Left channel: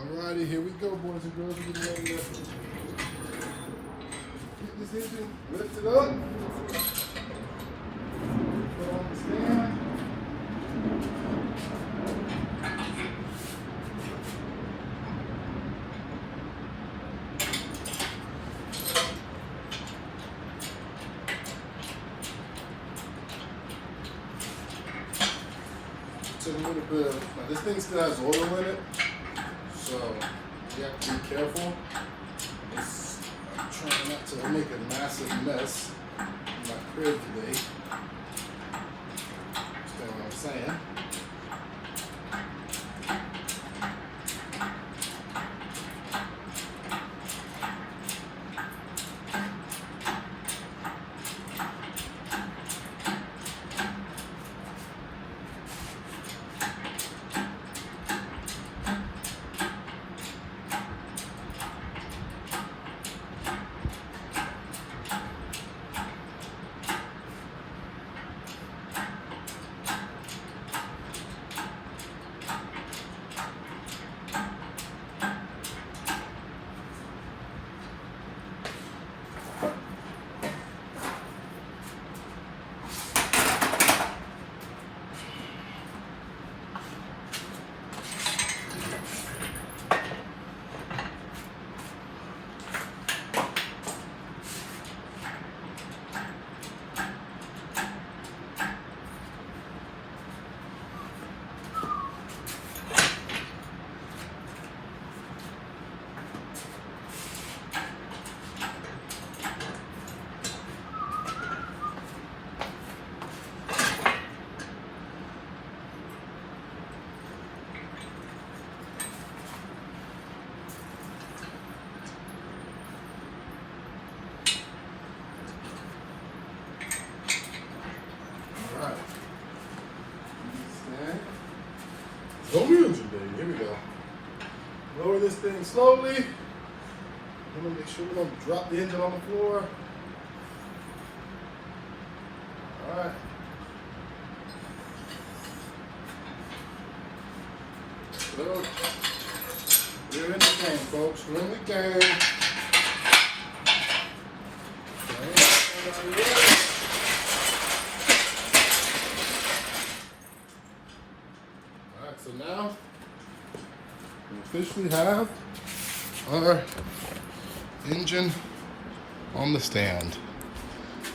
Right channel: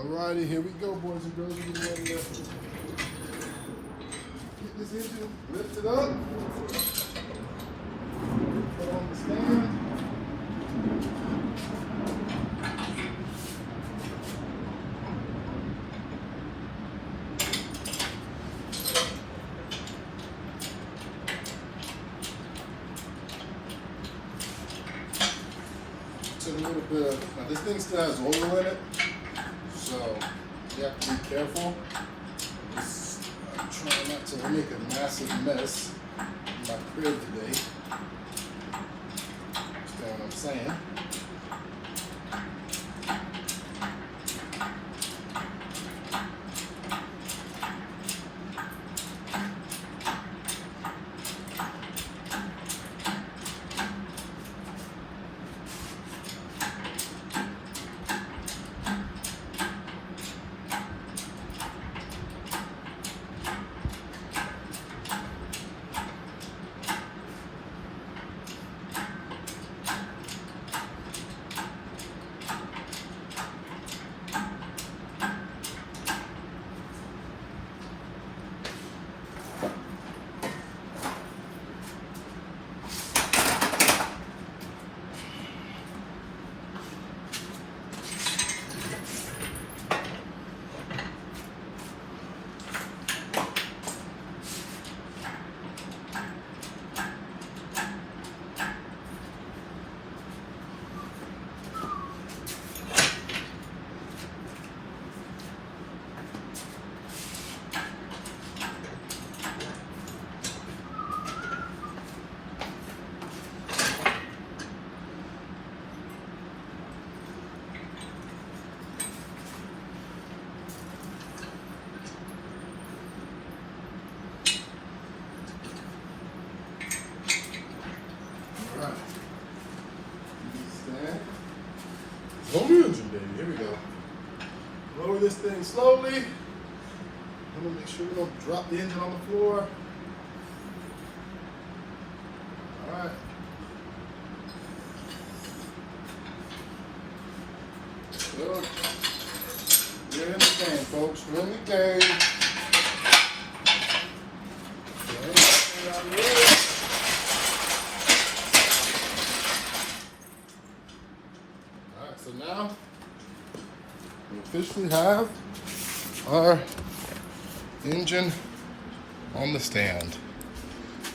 Alrighty, here we go, boys and girls. We're getting ready to get this engine lifted up. Put on the stand. It's a little bit of, this thing still has oil in it, so you have to be careful. I'm trying not to make a massive mess in my crib today. Understand what I'm saying? Home engine, baby. Here we go. Lower this thing slowly. I'm gonna make sure we don't drop the engine on the floor. All right. So, we're in the game, folks. We're in the game. So now we officially have our engine on the stand.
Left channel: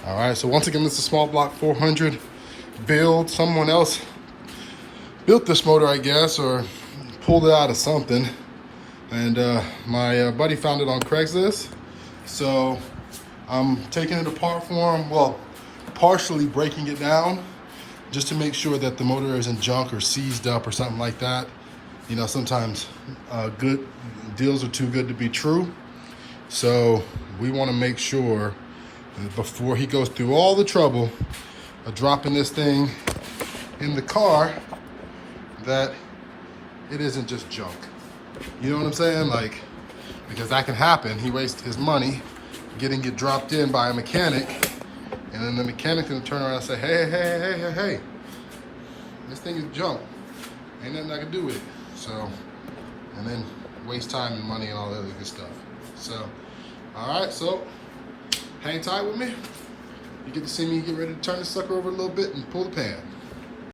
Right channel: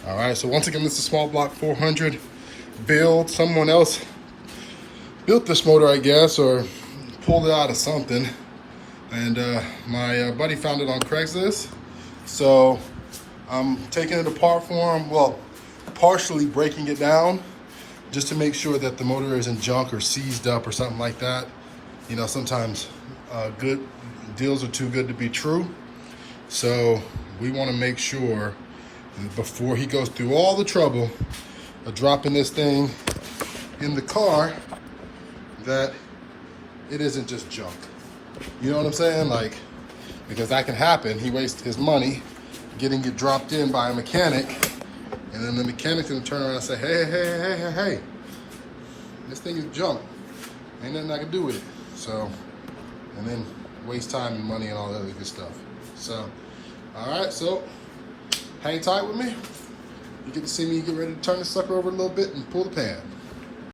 All right, so once again, this is a small block 400 build. Someone else built this motor, I guess, or pulled it out of something. And my buddy found it on Craigslist. So I'm taking it apart for him. Well, partially breaking it down, just to make sure that the motor isn't junk or seized up or something like that. You know, sometimes good deals are too good to be true. So we want to make sure that before he goes through all the trouble of dropping this thing in the car, that it isn't just junk. You know what I'm saying? Like, because that can happen. He wastes his money getting it dropped in by a mechanic, and then the mechanic's gonna turn around and say, hey, this thing is junk. Ain't nothing I can do with it. So, and then waste time and money and all that other good stuff. So, all right, so hang tight with me. You get to see me get ready to turn this sucker over a little bit and pull the pan.